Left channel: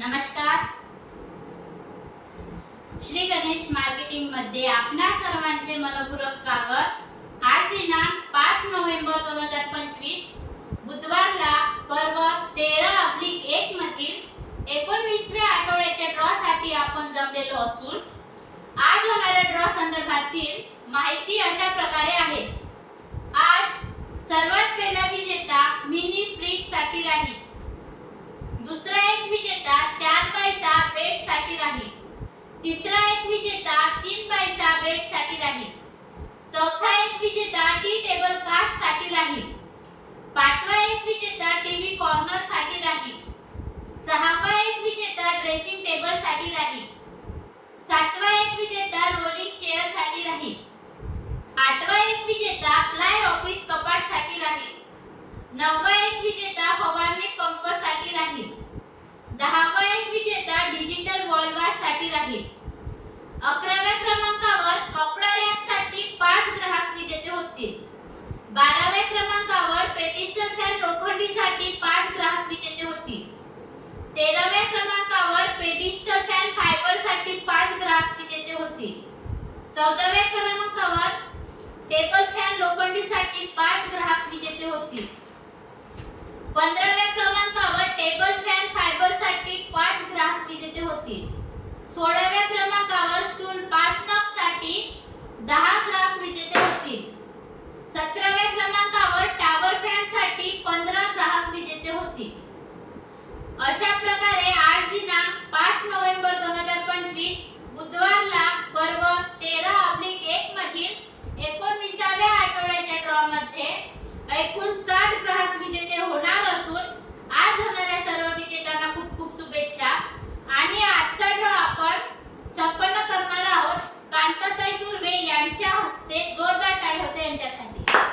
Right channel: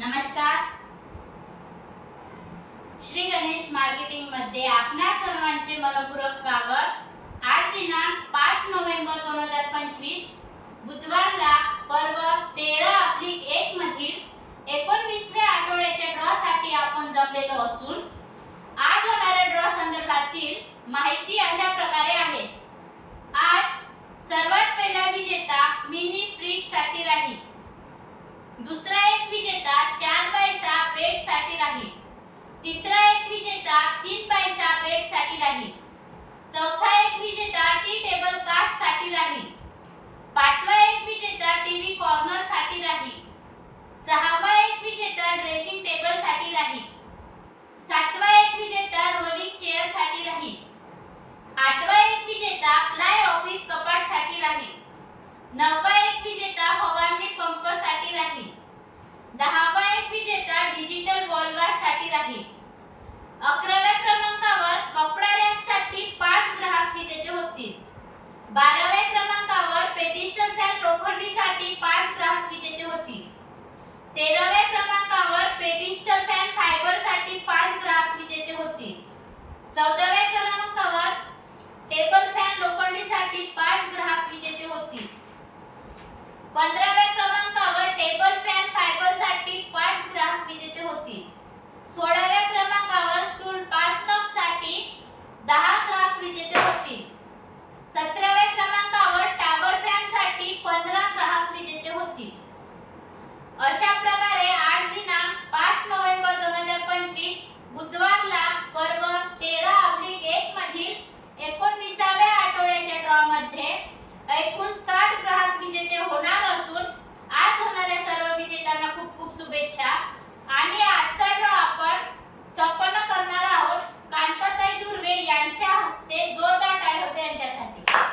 नमस्कार. श्री गणेश मार्केटिंगमध्ये आपणा सर्वांचे मनपूर्वक स्वागत. आज दिनांक पाच नोव्हेंबर दोन हजार पंचवीस. बुधवारला पर्व तेरा अब्लिक एक मधील एकोणवीसव्या आठवड्याच्या ड्रॉ साठी आपण जमलेलो असून आज होणाऱ्या ड्रॉ संदर्भातील माहिती अशा प्रकारे आहे. आज सर्वात पहिला विजेता मिनी फ्रीजसाठी राहील. दुसरा एक विजेता चार पैसा बेटसाठी राहील. तिसरा एक विजेता तीन पैसा बेटसाठी राहील. चौथा एक विजेता टी टेबल कास्टसाठी राहील. पाचवा एक विजेता टीव्ही कॉर्नरसाठी राहील. सहावा एक विजेता ड्रेसिंग टेबलसाठी राहील. सातवा एक विजेता रोलिंग चेअरसाठी राहील आठवा एक विजेता प्लाय ऑफिस कपाटसाठी राहील नववा एक विजेता फवारणी पंपसाठी राहील दहावा एक विजेता वर्गासाठी राहील. अकराव्या क्रमांकावर कपडा रॅकसाठी पाच ग्राहक विजेते होतील. बाराव्या क्रमांकावर पेटिस्टर फॅन लोखंडी साठी पाच ग्राहक विजेते होतील. तेराव्या क्रमांकावर पेटिस्टर फॅन फायबरसाठी पाच ग्राहक विजेते होतील. चौदाव्या क्रमांकावर टेबल फॅन लोखंडी साठी पाच ग्राहक विजेते होतील. पंधराव्या क्रमांकावर टेबल फॅन फायबरसाठी पाच ग्राहक विजेते होतील. सोळाव्या क्रमांकावर स्टूल पाच नगसाठी दहा ग्राहक विजेते होतील. सतराव्या क्रमांकावर टावर फॅनसाठी पंधरा ग्राहक विजेते होतील. अशा प्रकारे आज दिनांक पाच नोव्हेंबर दोन हजार पंचवीस बुधवारला पर्व तेरा अब्लिक एक मधील एकोणविसाव्या आठवड्याच्या ड्रॉ मध्ये एकूण साठ ग्राहक विजेते होणार असून आज होणाऱ्या सर्व विजेत्यांना खूप खूप शुभेच्छा. आणि यांच्या हस्ते जोरदार टाळे होते यांच्यासाठी.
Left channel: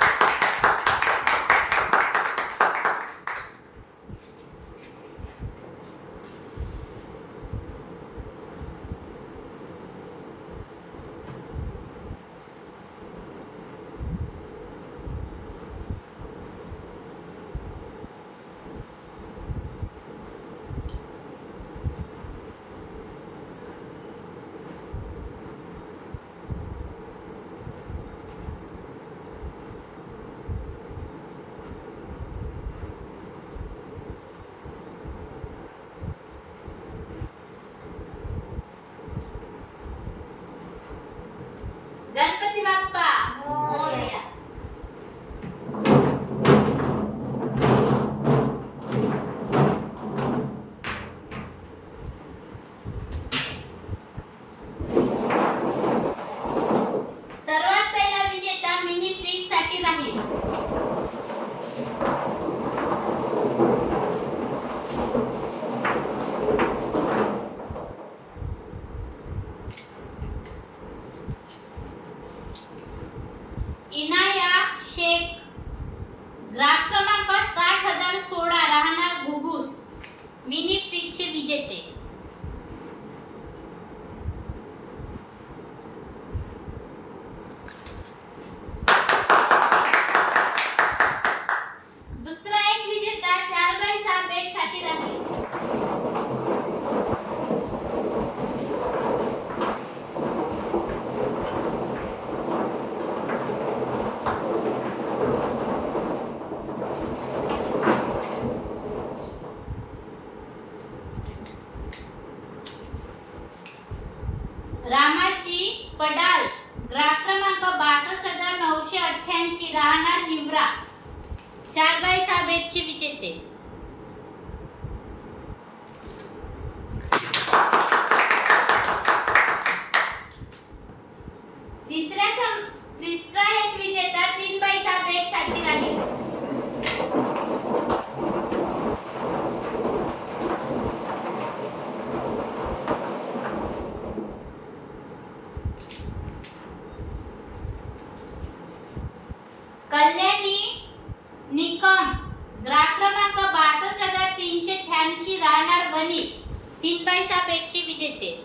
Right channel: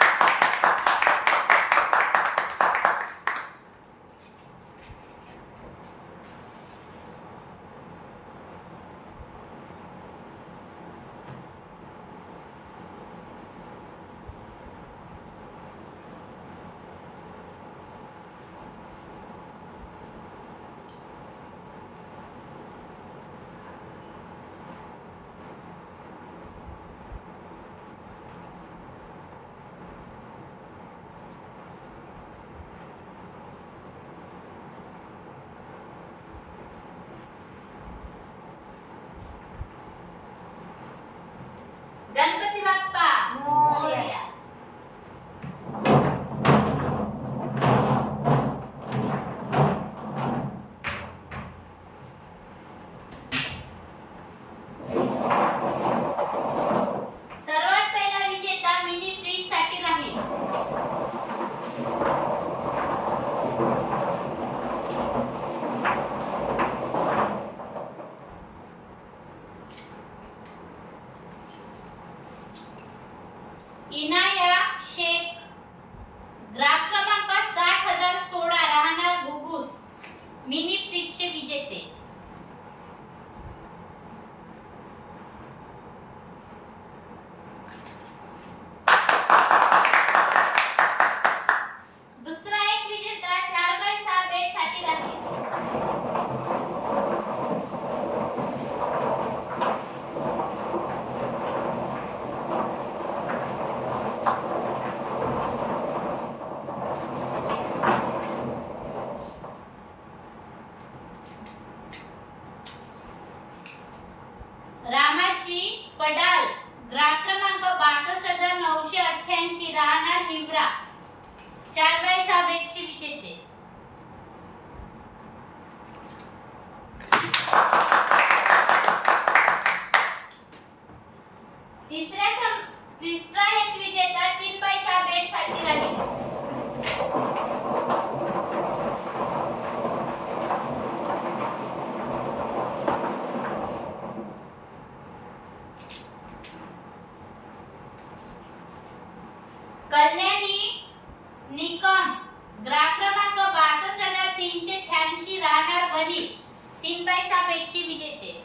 कल्याणी निकम ग्राहक क्रमांक बासष्ट हजार तीनशे शहाऐंशी राहणार बनी. तीन बाय सहा विजेते.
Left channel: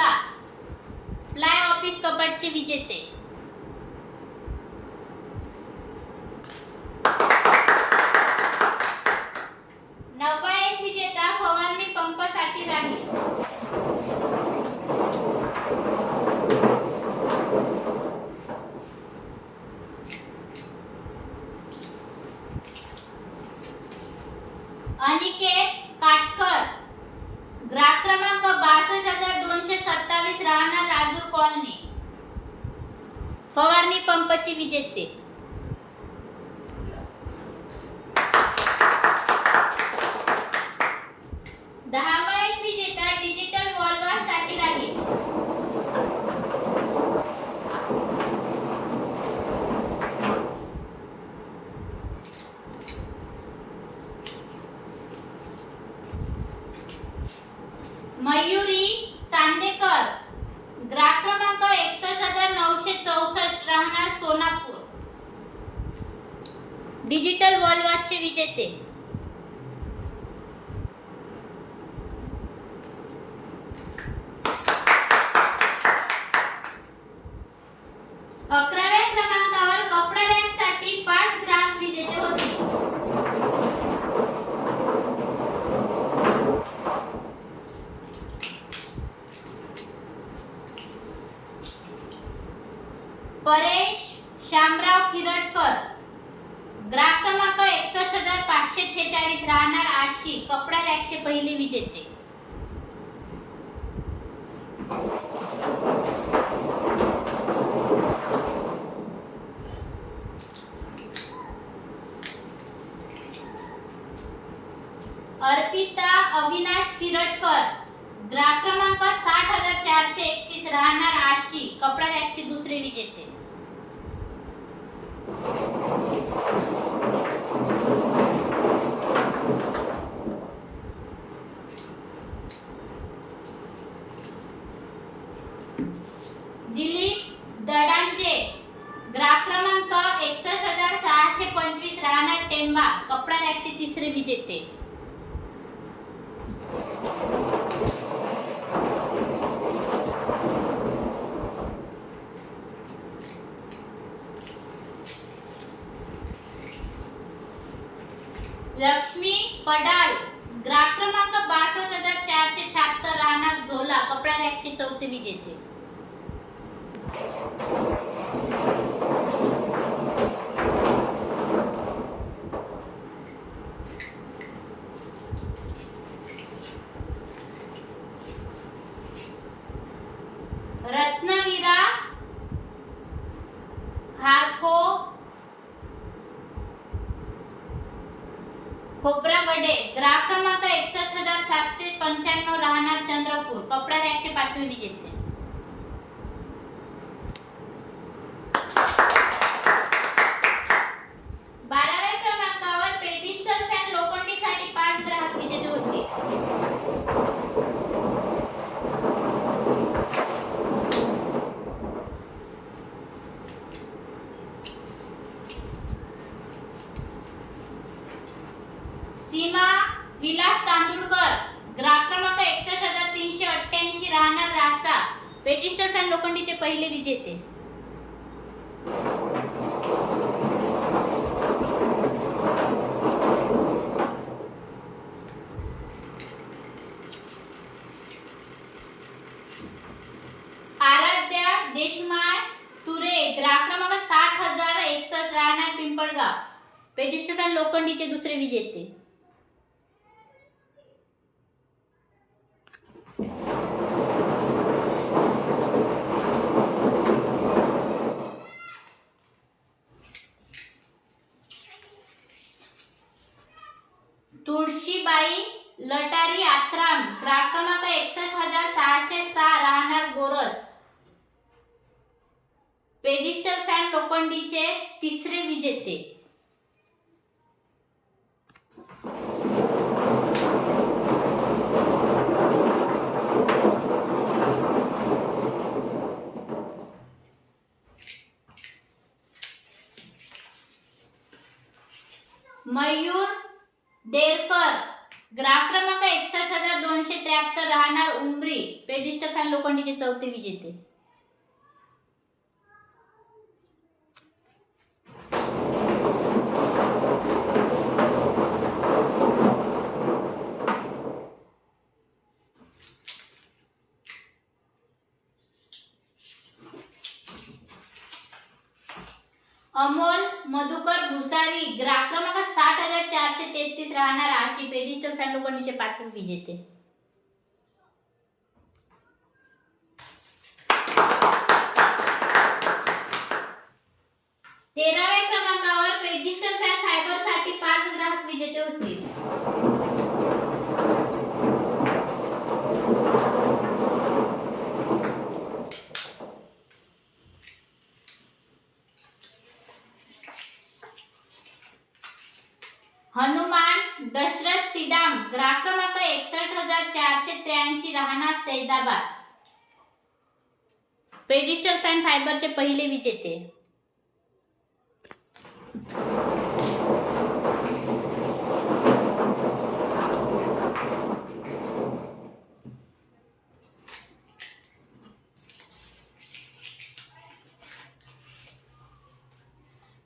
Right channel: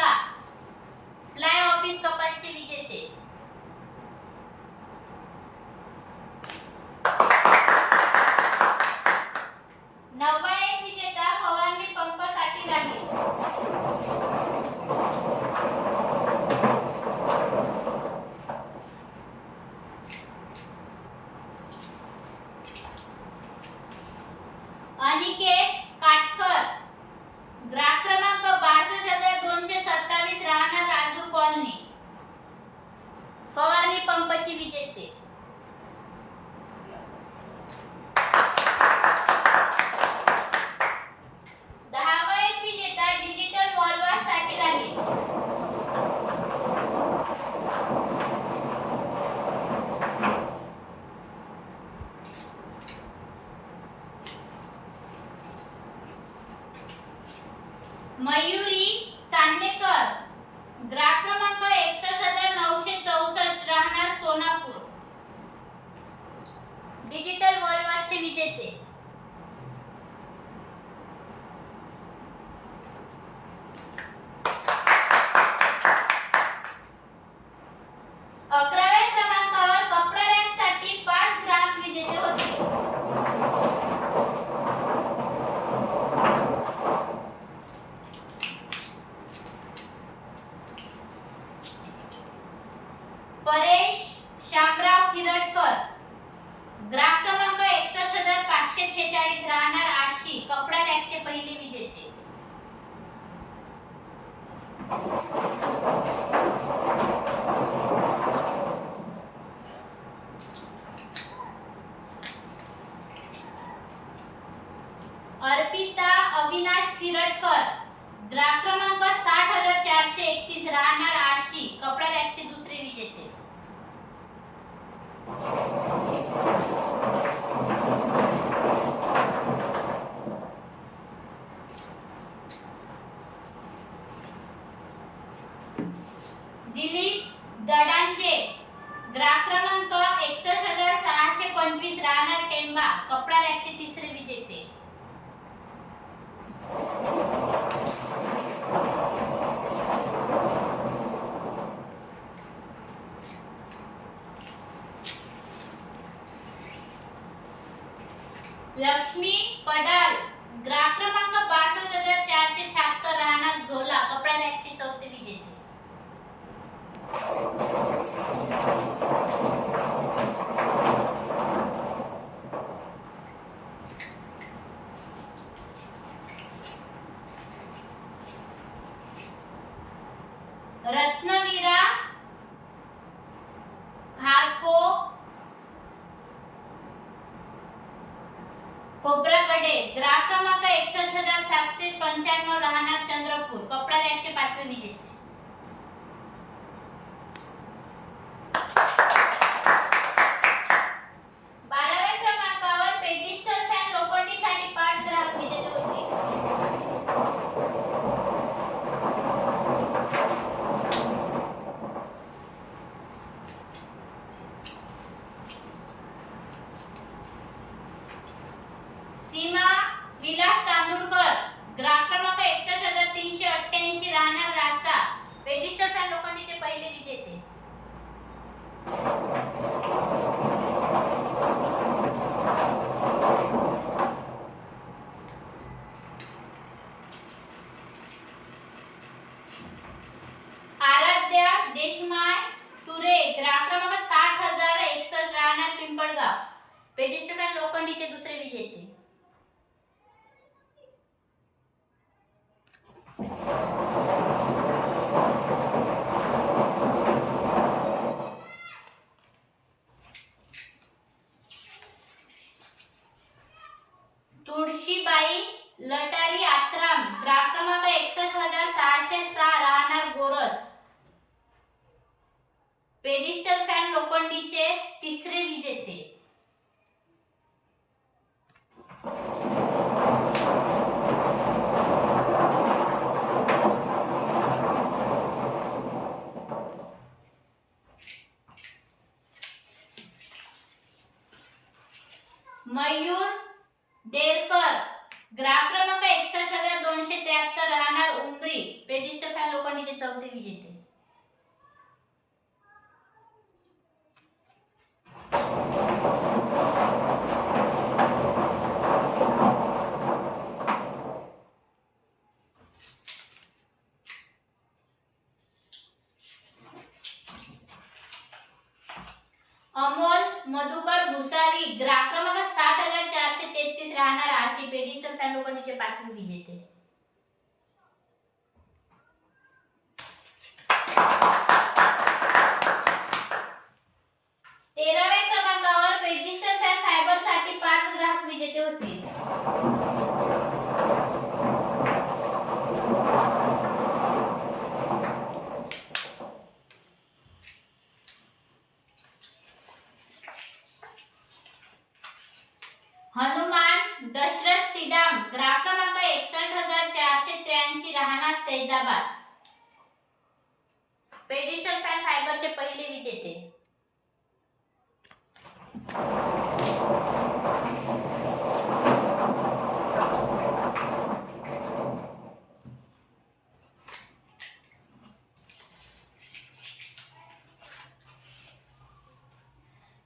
फ्ला फ्लाय ऑफिस कपाटचे विजेते. मयुरी चांदेकर. ग्राहक क्रमांक एकसष्ट हजार नऊशे चौसष्ट राहणार सोनापूर. डिजिटल वर्ल्ड विजेते. खिरटकर द्राक्ष मॅचची चौथी विजेते. विलास तांदूरकर ग्राहक क्रमांक एकसष्ट हजार तीनशे अठ्ठ्याऐंशी राहणार रासा. पेटिस्टर फॅन लोखंडीचे पहिले विजेते. तिसरे मयूर देरकर ग्राहक क्रमांक एकसष्ट हजार दोनशे त्र्याहत्तर राहणार उमरी. पेडिस्टल फॅन लोखंडीचे चौथे विजेते अमोल मधुकर भुसारी ग्राहक क्रमांक साठ हजार चारशे राहणार आशी पेडिस्टल फॅन लोखंडीचे पाचवे विजेते तेराव्या क्रमांकावर पेडिस्टल फॅन फायबरसाठी पाच ग्राहक विजेते होतील हनुमान दशरथ सिडाम ग्राहक क्रमांक एकसष्ट हजार चारशे त्र्याऐंशी राहणार सैदाबाद पेडिस्टल फॅन फायबरचे पहिले विजेते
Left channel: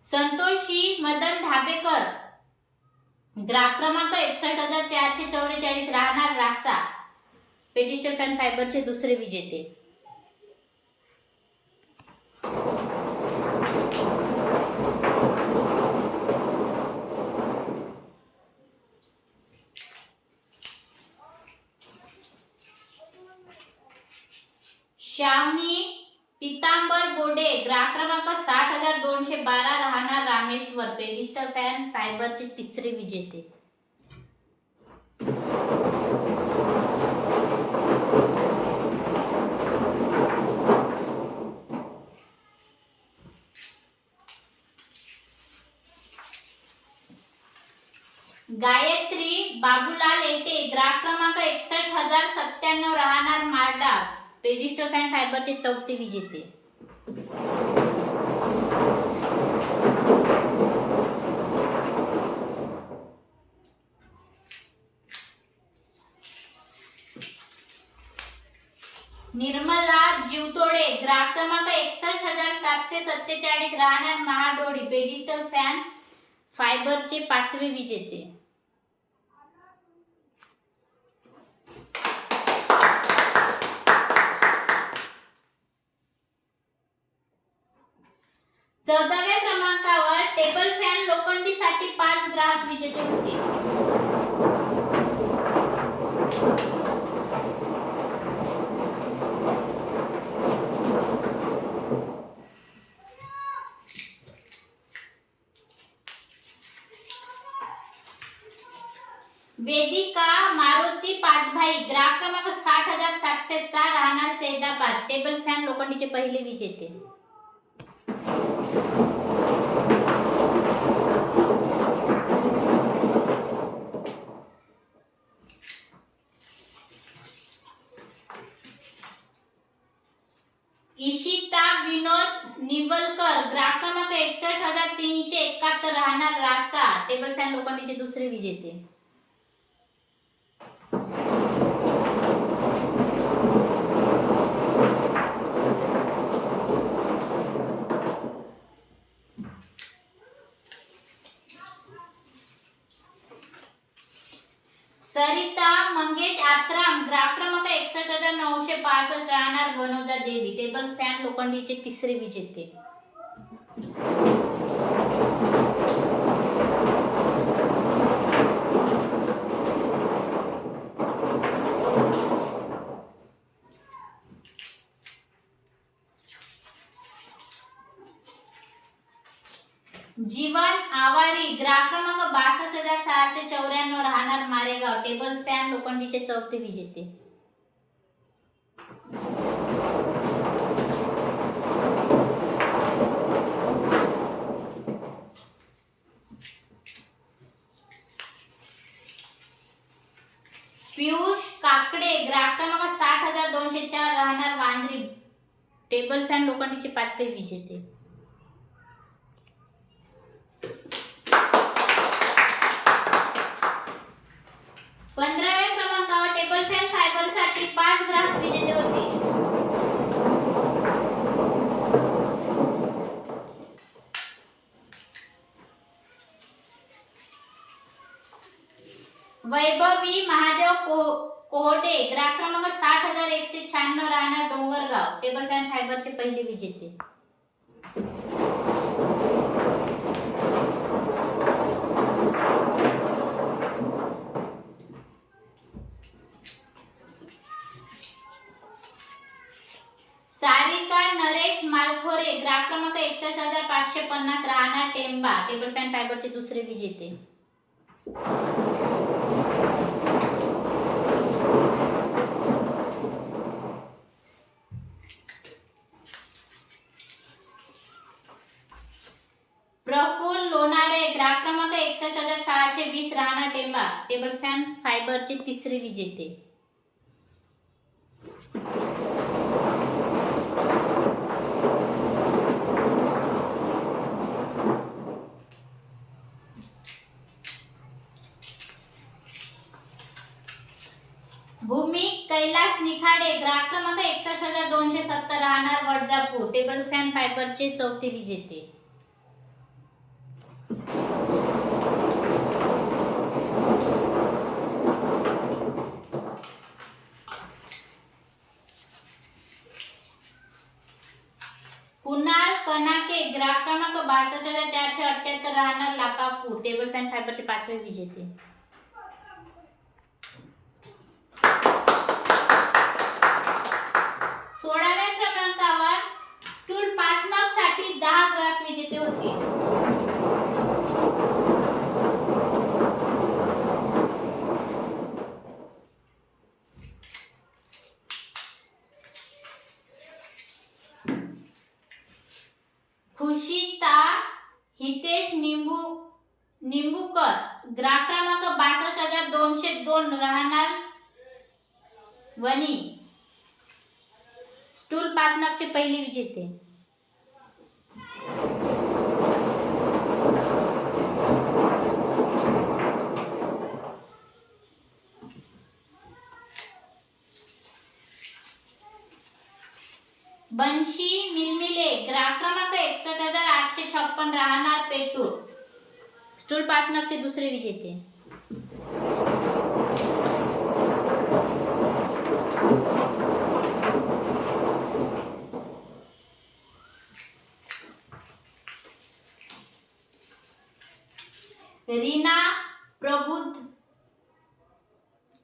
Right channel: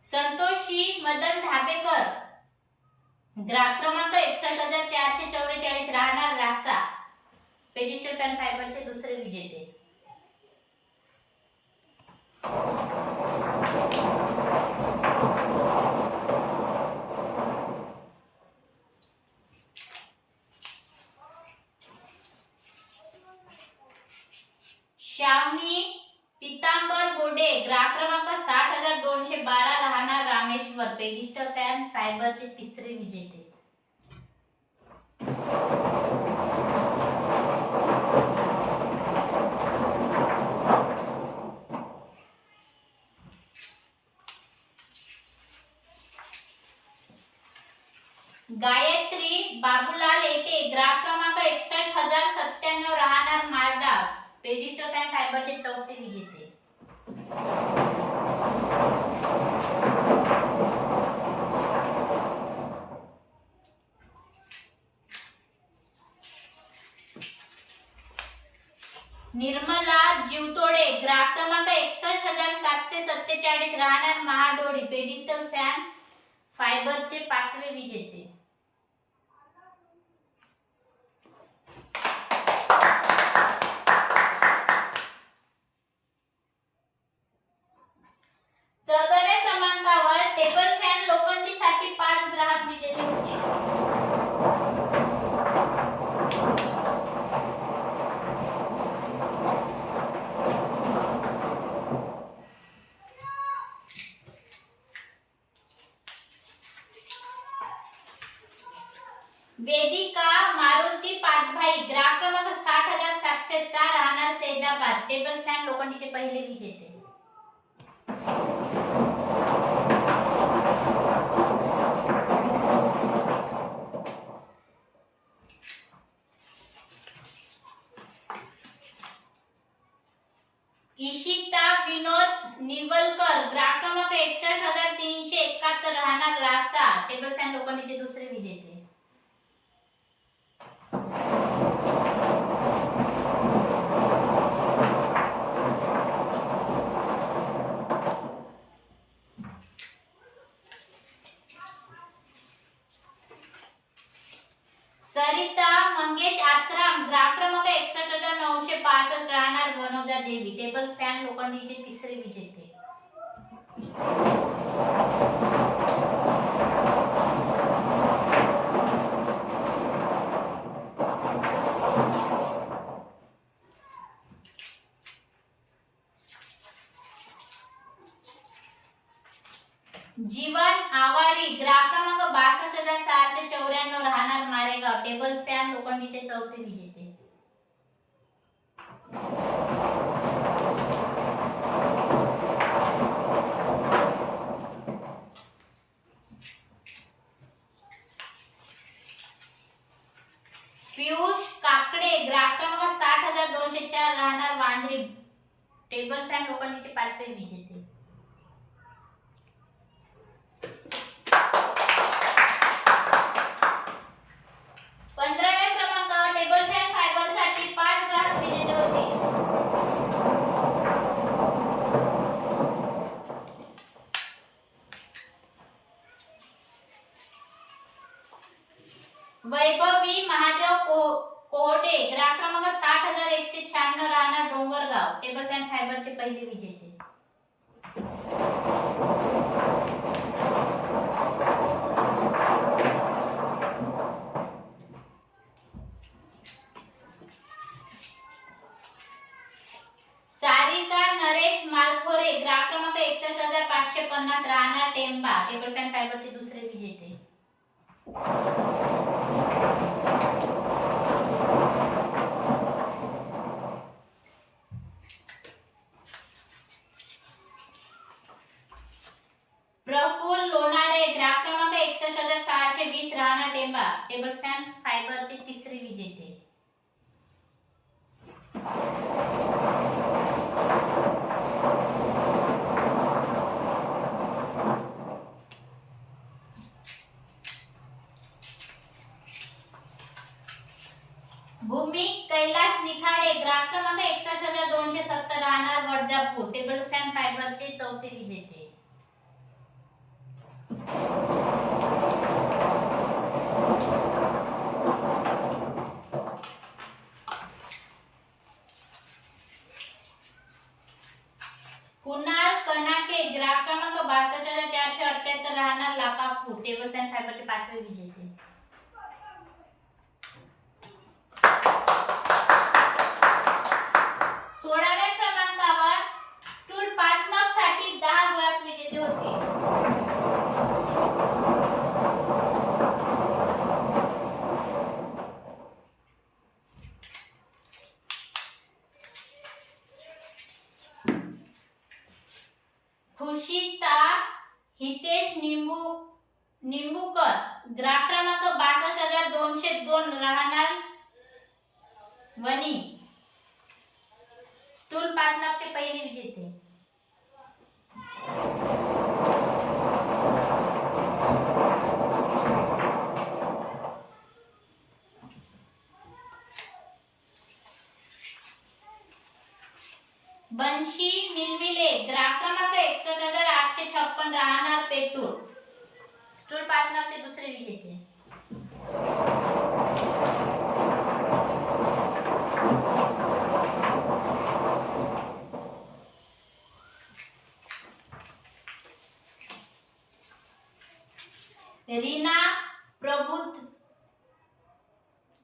संतोषी मदन ढाबेकर ग्राहक क्रमांक एकसष्ट हजार चारशे चौवेचाळीस राहणार रासा पेजिस्टल फॅन फायबरचे दुसरे विजेते. श्यामनी पितांबर बोडे ग्राहक क्रमांक साठ हजार दोनशे बारा राहणार रामेश्वर पेजिस्टल फॅन फायबरचे तिसरे विजेते गायत्री बाबूलाल एटे ग्राहक क्रमांक एकसष्ट हजार सत्त्याण्णव राहणार पेजिस्टर फॅन फायबरचे चौथे विजेते. निर्मला जीवतोडे ग्राहक क्रमांक एकसष्ट हजार सातशे सत्तेचाळीस राहणार महाडोळी पेडिस्टल फॅन फायबरचे पाचवे विजेते चौदाव्या क्रमांकावर टेबल फॅन लोखंडीसाठी पाच ग्राहक विजेते होते वेदिका मारुती पाचभाई ग्राहक क्रमांक साठ हजार सातशे सहा राहणार सैदाबाद टेबल फॅन लोखंडीचे पहिले विजेते इशिता विनोद निवलकर ग्राहक क्रमांक एकसष्ट हजार तीनशे एकाहत्तर राहणार रासा. टेबल फॅन लोखंडीचे दुसरे विजेते राहणार वनोजा देवी टेबल मालिकेचे तिसरे विजेते. जीवन आवारी ग्राहक क्रमांक बासष्ट हजार सहाशे चौऱ्याण्णव राहणार मारेगाव टेबल फॅन लोखंडीचे चौथे विजेते पियुष काकडे ग्राहक क्रमांक साठ हजार दोनशे चार राहणार वांजरी टेबल पाचवे विजेते. पंधराव्या क्रमांकावर टेबल फॅन फायबरसाठी पाच ग्राहक विजेते होते वैभवी महादेव को- कोहटे ग्राहक क्रमांक साठ हजार एकशे शहाण्णव राहणार डोंगरगाव. टेबल फॅन फायबरचे पहिले विजेते. सारिका नरेश मालखोरे ग्राहक क्रमांक एकसष्ट हजार पाचशे पन्नास राहणार टेंबा. टेबल फॅन फायबरचे दुसरे विजेते. प्रफुल लोणारे ग्राहक क्रमांक एकसष्ट हजार सहाशे वीस राहणार टेंबा. टेबल फॅन फायबरचे तिसरे विजेते. भूमी कैलास निखाडे ग्राहक क्रमांक एकसष्ट हजार दोनशे सत्तर राहणार वडजापूर. टेबल फॅन फायबरचे चौथे विजेते कुणाल कनाके ग्राहक क्रमांक बासष्ट हजार चारशे अठ्याहत्तर राहणार लाकापूर टेबल फॅन फायबरचे पाचवे विजेते सोळाव्या क्रमांकावर स्टूल पाच नॉकसाठी दहा ग्राहक विजेते होते. खुशी ताक हितेश निंबू निंबूकर. ग्राहक क्रमांक बासष्ट हजार दोनशे दोन राहणार. वनी स्टूल पाच नगचे पहिले विजेते. बंशी मिलमिले. ग्राहक क्रमांक एकसष्ट हजार आठशे छप्पन राहणार पेटूर. स्टूल पाच नगचे दुसरे विजेते. रीना प्रबुद्ध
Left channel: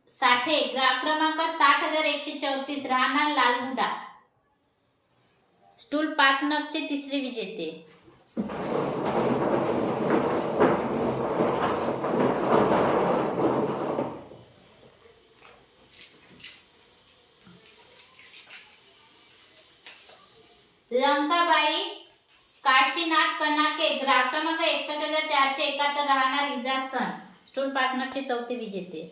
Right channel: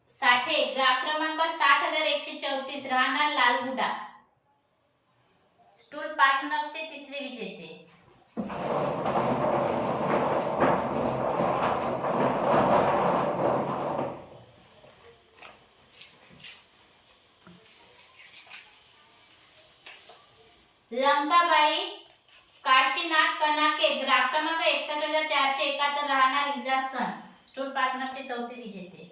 साठे ग्राहक क्रमांक साठ हजार एकशे चौतीस राहणार लालगुडा. स्टूल पाच नगचे तिसरे विजेते. लंकाबाई काशीनाथ कनाके ग्राहक क्रमांक एकसष्ट हजार चारशे एकाहत्तर राहणार इजासन सण. पाच चौथे विजेते.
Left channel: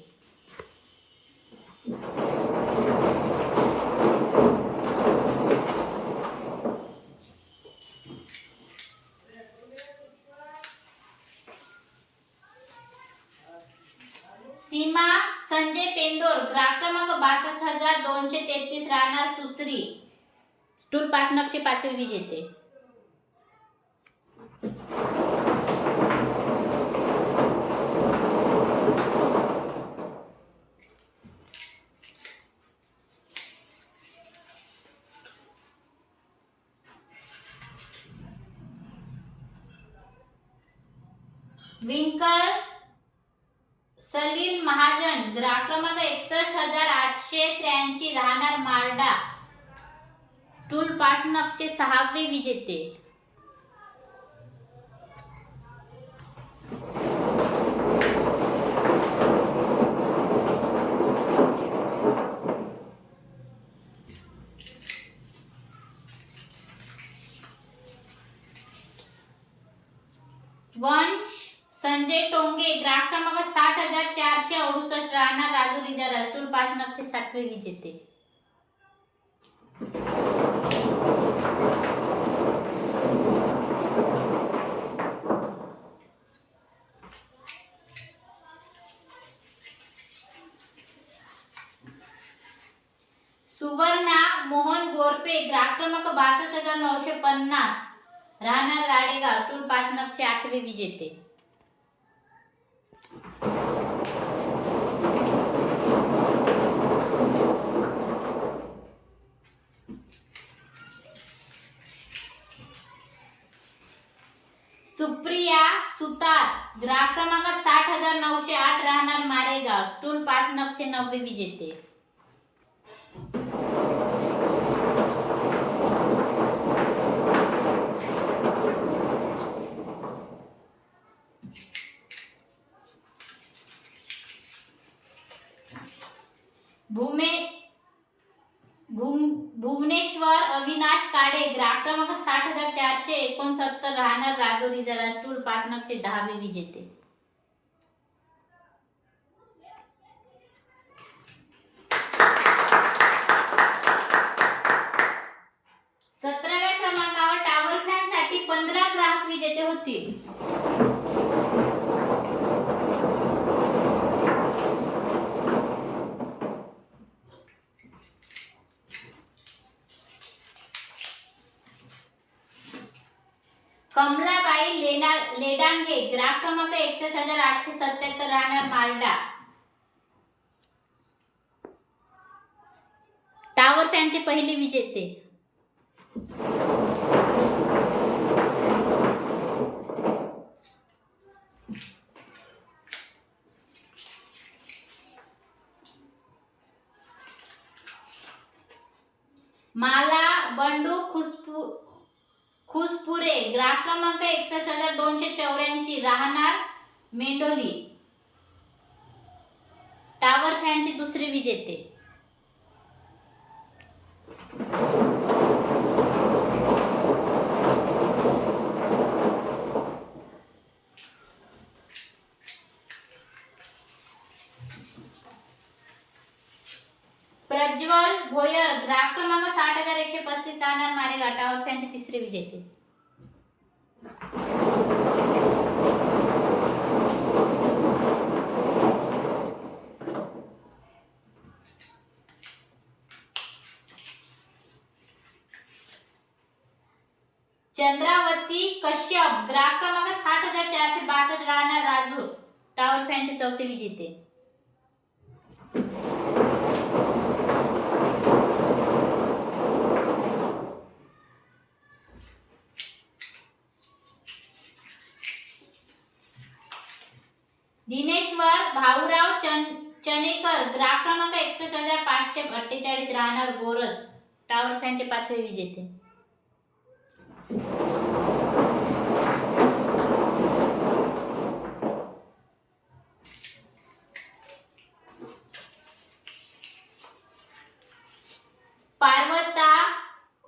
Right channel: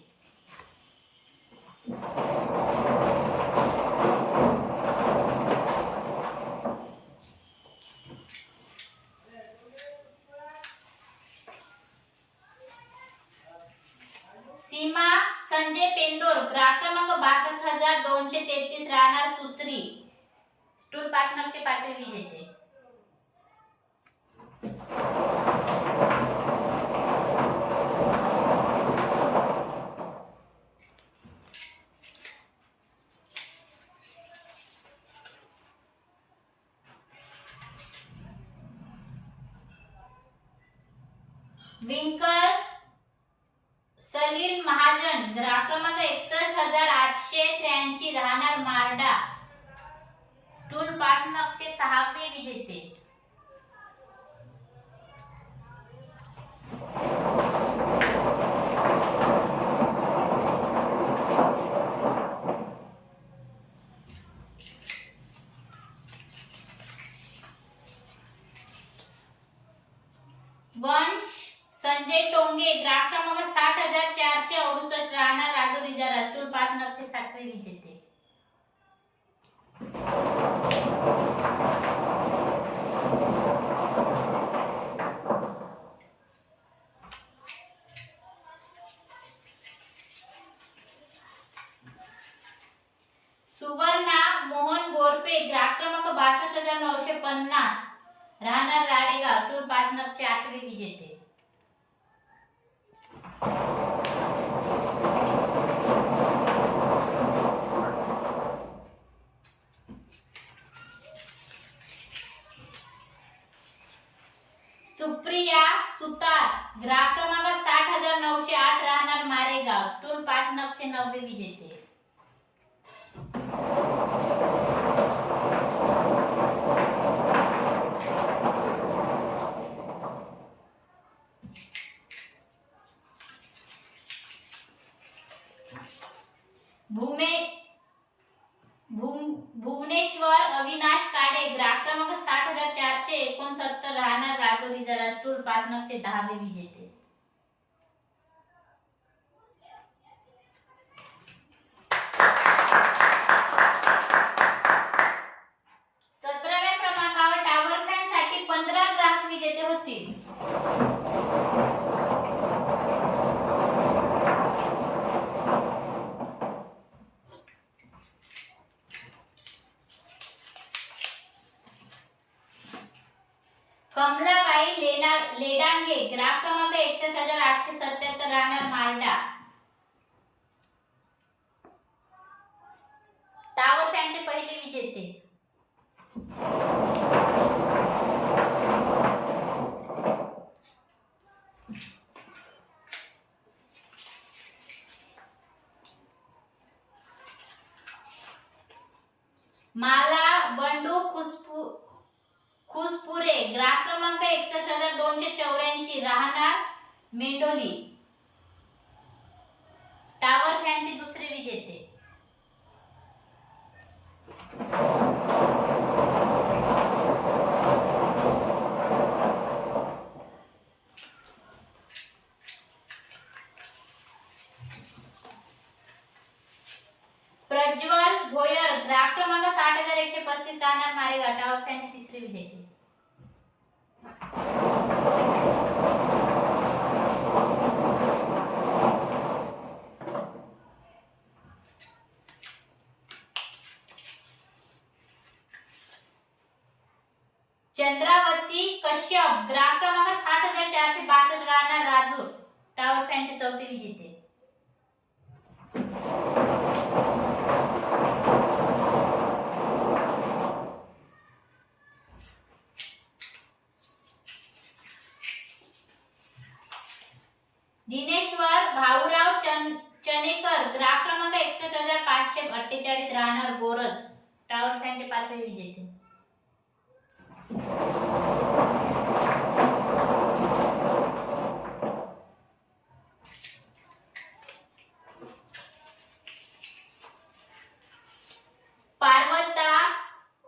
सीमा संजय पेंदोर ग्राहक क्रमांक बासष्ट हजार दोनशे तेहतीस राहणार सुसरी स्टूल पाच मागचे पाचवे बीज येते. विंकल सलील महाजन ग्राहक क्रमांक एकसष्ट हजार आठशे त्र्याऐंशी राहणार मारडा स्टूल पाच नगचे सहावे विजेते. वंश संजय टोंगे ग्राहक क्रमांक साठ हजार चारशे अडुसष्ट राहणार राजू रिजा स्टूल पाच नगचे सातवे विजेते. मोहन ग्राहक क्रमांक बासष्ट हजार नऊशे पन्नास. राहणार राडेगाव स्टूल पासनपचे आठवे विजेते सुप्रिया सुतार ग्राहक क्रमांक साठ हजार नऊशे आठ राहणार मारेगाव स्टूल पाच नगचे नववे विजेते भूमे भूम- भुवनेश्वर अविनाश काडे ग्राहक क्रमांक साठ हजार चारशे एकोणसत्तर राहणार राजोरी जरा पाच नगचे दहावे विजेते. सतराव्या क्रमांकावर टावर फॅनसाठी पंधरा ग्राहक विजेते होतील. लेना लेडांगे ग्राम क्रमांक एकसष्ट हजार आठशे सत्याहत्तर राहणार मारडा टावर फॅनचे पहिले विजेते. माला बंडू खुशबू पुरे ग्राहक क्रमांक एकसष्ट हजार दोनशे चौऱ्याऐंशी राहणार मेंढोली. टावर फॅनची दुसरी विजेते. प्रज्वल भोयर ग्राहक क्रमांक साठ हजार एकशे पस्तीस राहणार मारेगाव. टावर फॅनची तिसरी विजेते चंद्रावती कश्यप ग्राहक क्रमांक सात हजार चारशे बासष्ट राहणार राजूर टावर फॅनचे चौथे विजेते. दिनेश्वर भाऊराव चन चनेकर ग्राहक क्रमांक एकसष्ट हजार पाचशे अठ्ठेचाळीस राहणार गोरज. टावर फॅनचे पाचवे विजेते पार्वता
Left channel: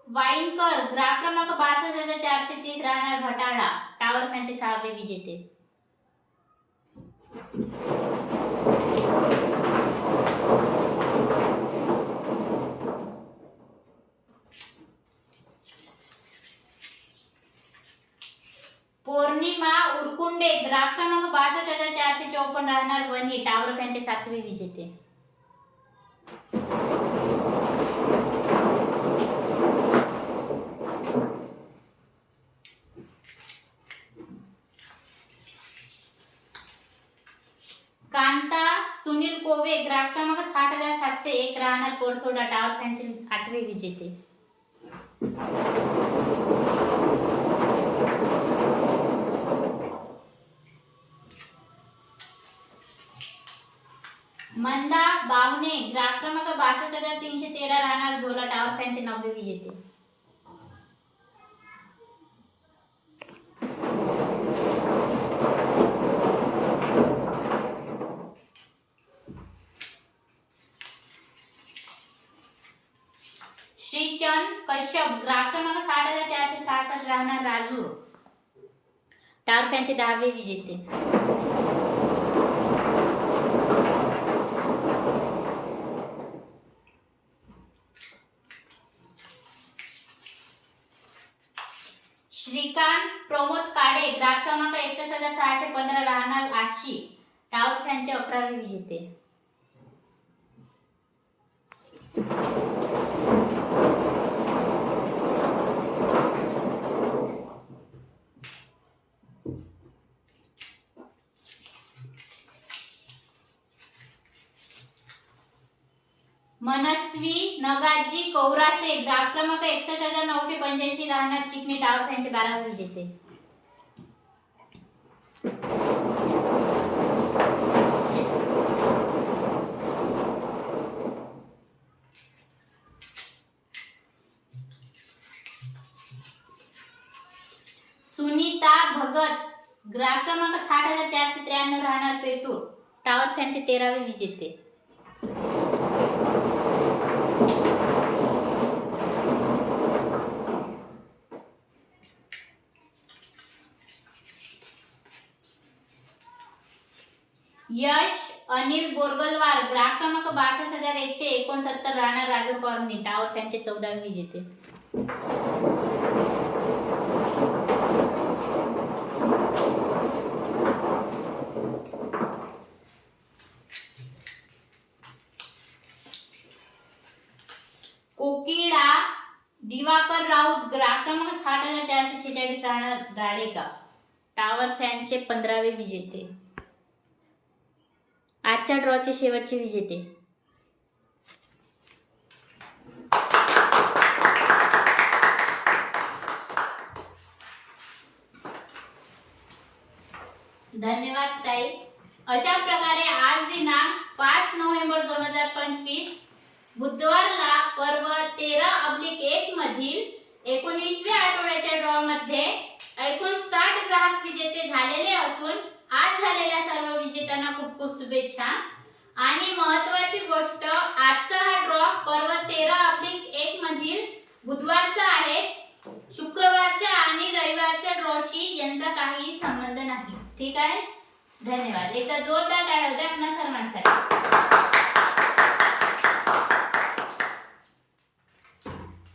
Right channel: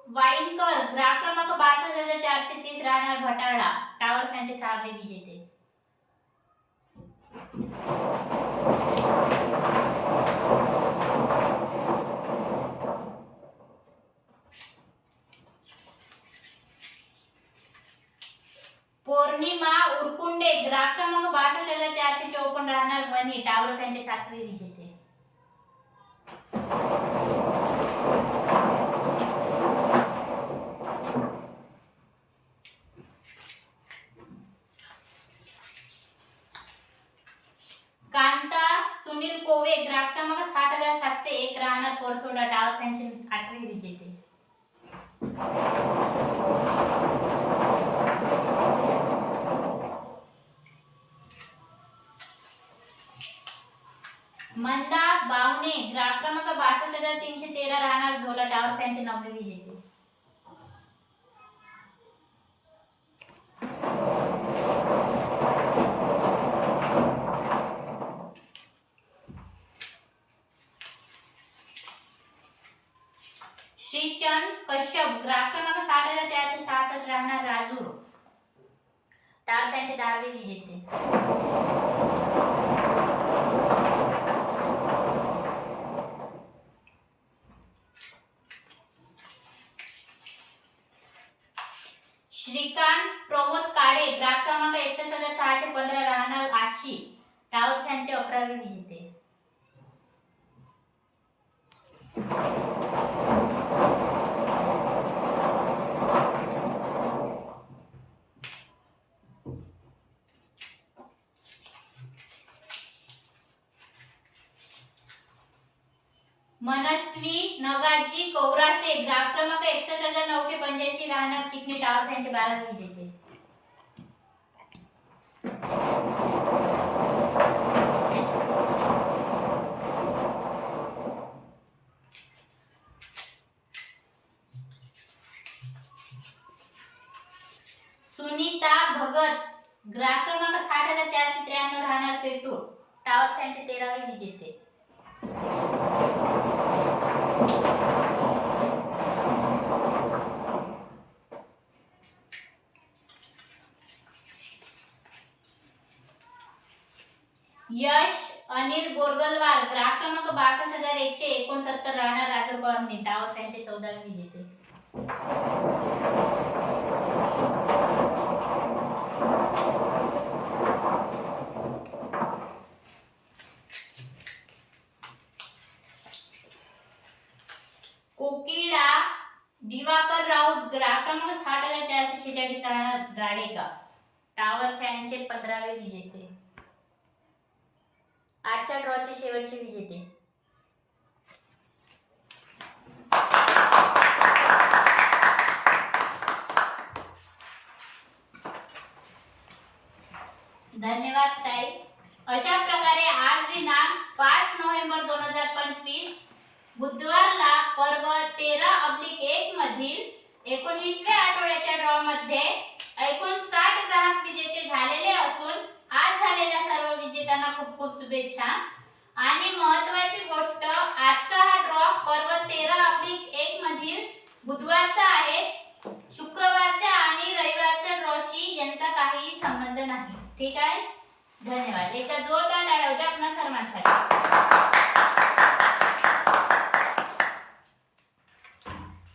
वाईनकर ग्राहक क्रमांक बासष्ट हजार चारशे तीस राहणार भटाळा टावर फॅनचे सहावे विजेते पौर्णिमा उरकुंडे ग्राहक क्रमांक बासष्ट हजार चारशे चौपन्न राहणार वनी टावर फॅनचे सातवे विजेते. से एक राहणार पोरसोडा डाव फॅनचे आठवे विजेते. मंदा बावने ग्राहक क्रमांक बासष्ट हजार तीनशे तेरा राहणार झोला टावर फॅनचे नववे विजेते. श्रीचंद कश्यप ग्राहक क्रमांक साठ हजार चारशे सहासष्ट राहणार राजूर टावर फॅनचे दहावे विजेते. श्रीकांत प्रमोद काळे ग्राहक क्रमांक एकसष्ट हजार सहाशे पंधरा राहणार आशी टावर फॅनचे अकरावे विजेते. नगाजी कौरासे ग्राहक क्रमांक एकसष्ट हजार नऊशे पंच्याऐंशी राहणार चिकणी टावर त्यांच्या बारावे विजेते. सुनीता भगत ग्राहक क्रमांक साठ हजार चारशे त्र्याण्णव राहणार पेटू टावर फॅनचे तेरावे विजेते. यश अनिल बोरगलवार ग्राहक क्रमांक बासष्ट हजार एकशे एकोणसत्तर राहणार राजूर कॉलनी टावर त्यांचे चौदा विजेते कोकिळा दिवाकर राऊत ग्राहक क्रमांक साठ हजार चारशे छेचाळीस राहणार गाडेगाव. टावर फॅनचे पंधरावे विजेते. आजच्या ड्रॉचे शेवटचे विजेते. धन्यवाद ताई. अशा प्रकारे आज दिनांक पाच नोव्हेंबर दोन हजार पंचवीस बुधवारला पर्व तेरा अब्लिक एक मधील एकोणीसव्या आठवड्याच्या ड्रॉ मध्ये एकूण साठ ग्राहक विजेते झालेले असून आज झालेल्या सर्व विजेत्यांना खूप खूप शुभेच्छा. आणि महत्वाची गोष्ट आजचा हा ड्रॉ पर्व तेरा अब्लिक एक मधील बुधवारचा आहे. शुक्रवारच्या आणि रविवारच्या ड्रॉशी यांचा काहीही संबंध नाही. ठीक आहे? धन्यवाद. एकदा जोरदार टाळ्या होत्या आपल्या सर्वांसाठी.